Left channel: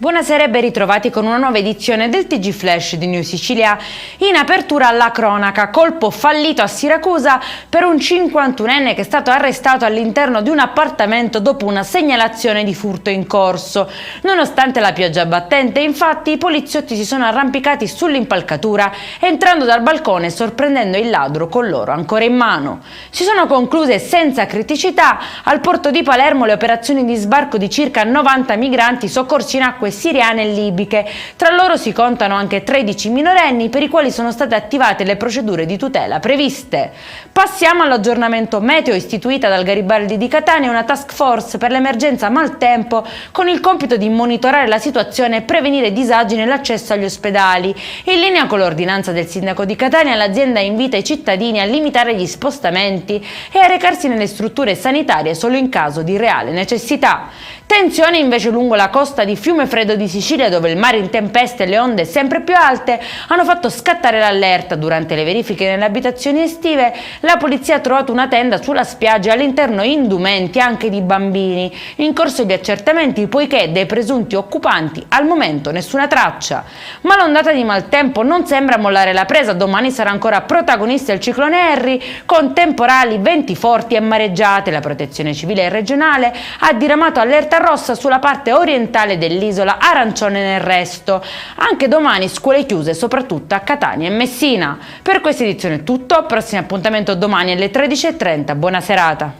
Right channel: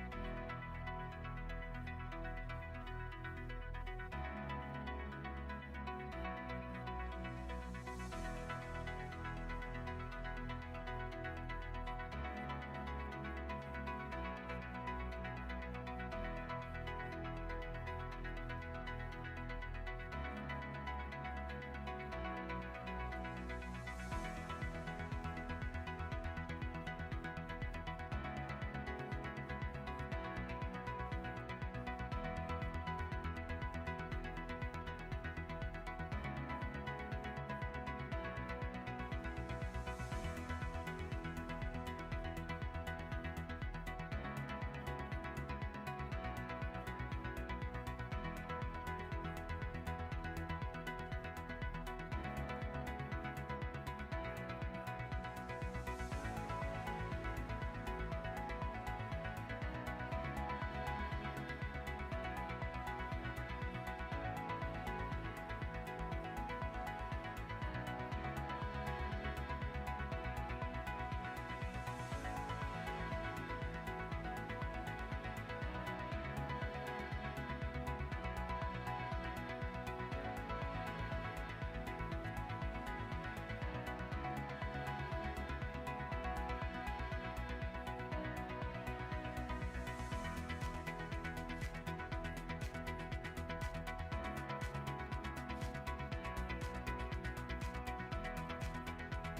Buonasera e ben ritrovati con una nuova edizione del TG Flash di New Sicilia. In apertura alla cronaca, colpo fallito a Siracusa per un 51enne che è stato arrestato all'interno di un appartamento dopo una segnalazione di furto in corso. Nonostante la pioggia battente, infatti, i poliziotti si sono arrampicati sull'impalcatura, entrando dal balcone e sorprendendo il ladro con l'oro ancora in mano. Si sono concluse senza criticità al porto di Palermo le operazioni di sbarco di circa 90 migranti soccorsi in acque siriane e libiche. Tra loro si contano anche 13 minorenni per i quali sono state attivate le procedure di tutela previste. Passiamo all'aggiornamento meteo. Istituita dal Garibaldi di Catania una task force per l'emergenza maltempo con il compito di monitorare la situazione e prevenire disagi nell'accesso agli ospedali. In linea con l'ordinanza del sindaco di Catania, l'azienda invita i cittadini a limitare gli spostamenti e a recarsi nelle strutture sanitarie solo in caso di reale necessità. Tensione invece lungo la costa di Fiumefreddo di Sicilia, dove il mare in tempesta e le onde sempre più alte hanno fatto scattare l'allerta. Durante le verifiche nelle abitazioni estive, la polizia ha trovato una tenda sulla spiaggia e all'interno indumenti anche di bambini. In corso di accertamenti poiché dei presunti occupanti al momento nessuna traccia. Ma l'ondata di maltempo non sembra mollare la presa. Domani sarà ancora protagonista il ciclone Harry, con temporali, venti forti e mareggiate. La protezione civile regionale ha diramato allerta rossa sulla parte orientale dell'isola, arancione nel resto. Anche domani scuole chiuse soprattutto a Catania e Messina. Per questa edizione è tutto, prossimo appuntamento domani alle 13:30. Buona serata.